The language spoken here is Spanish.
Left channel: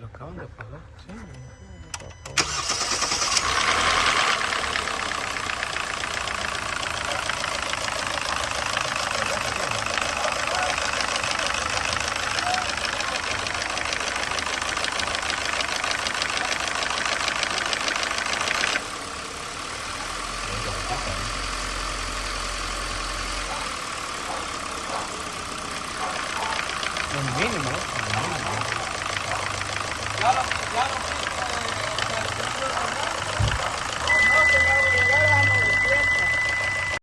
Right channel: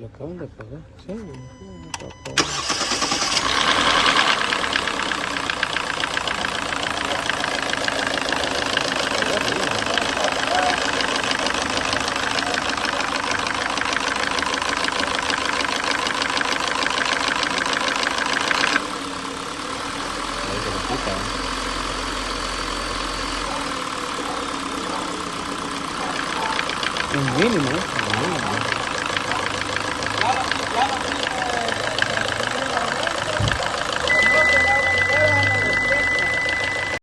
Lo acaban de apagar. Sí, un mínimo, un mínimo.